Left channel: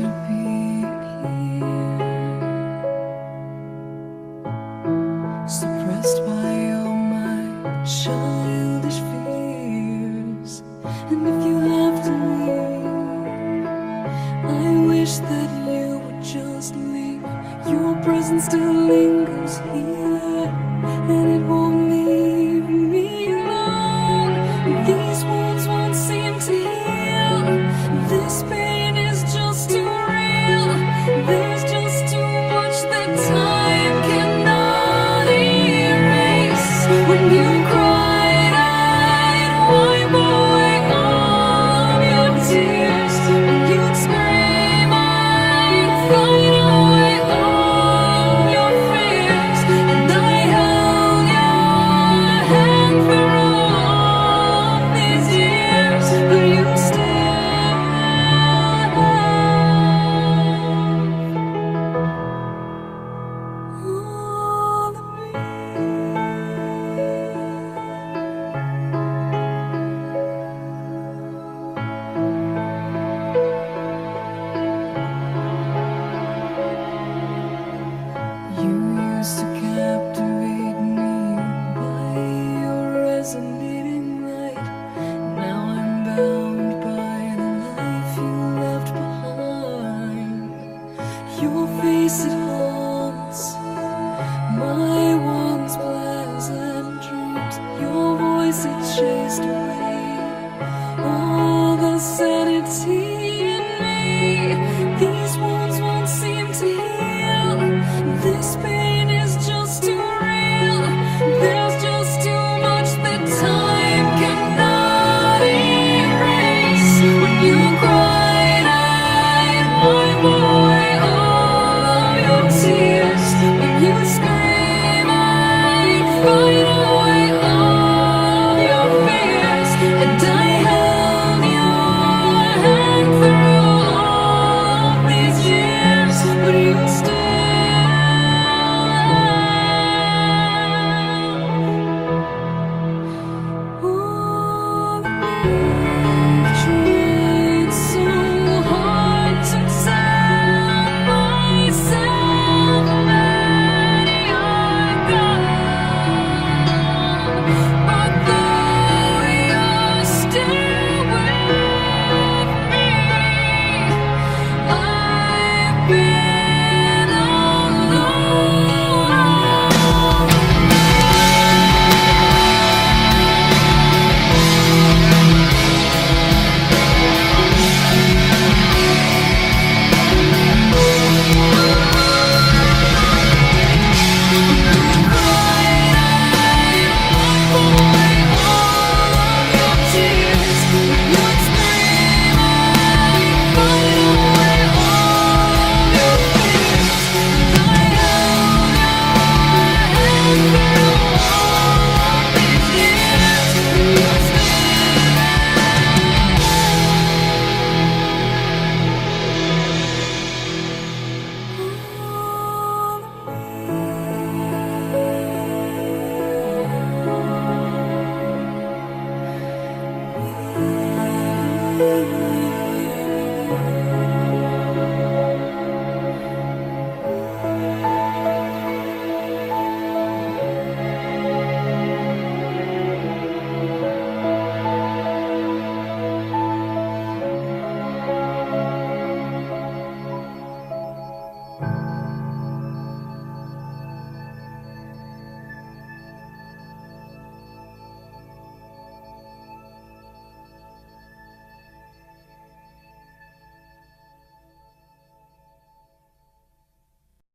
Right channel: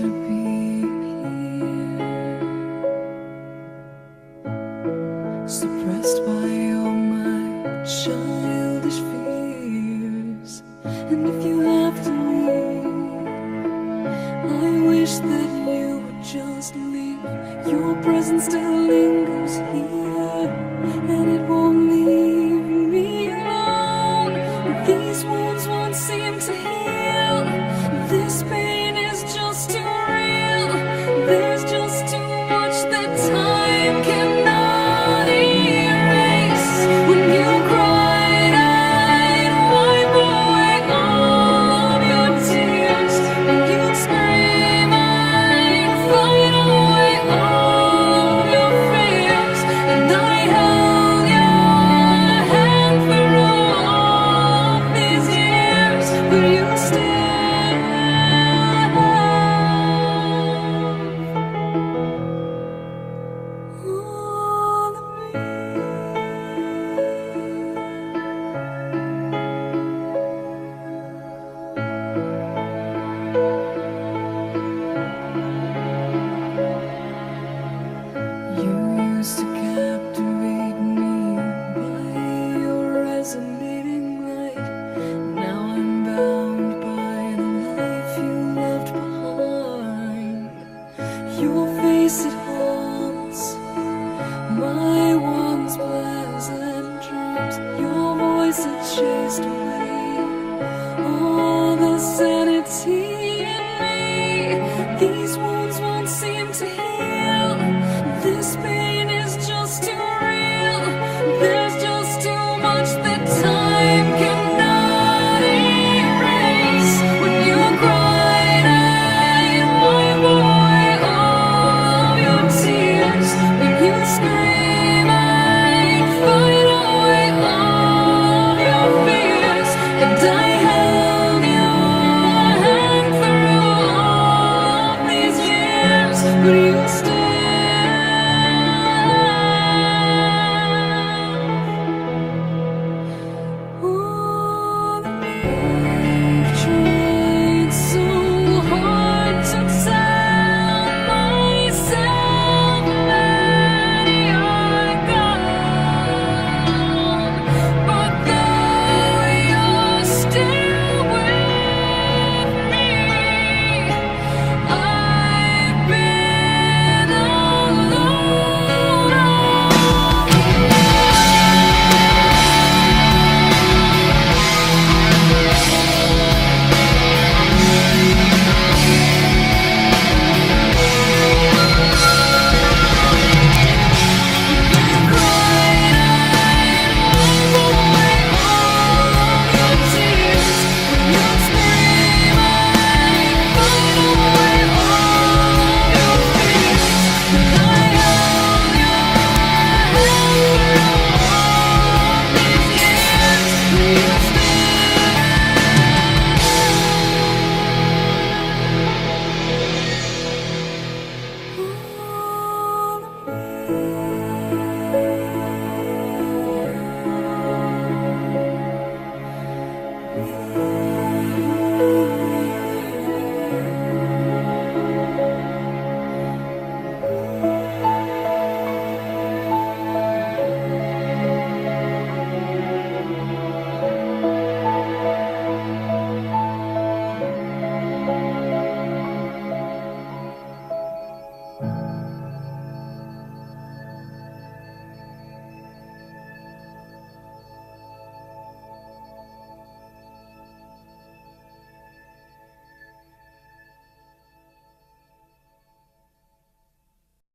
to being here, suppressed by all my childish fears. And if you have to leave, I wish that you would just leave. Your presence still lingers here, and it won't leave me alone. These wounds won't seem to heal. This pain is just too real. There's just too much that time cannot erase. When you cried, I'd wipe away all of your tears. When you'd scream, I'd fight away all of your fears. And I held your hand for all of these years, but you still have all of me. You used to captivate me by your resonating light. Now I'm bound by the life you left behind. Your face, it haunts my once pleasant dreams. Your voice, it chased away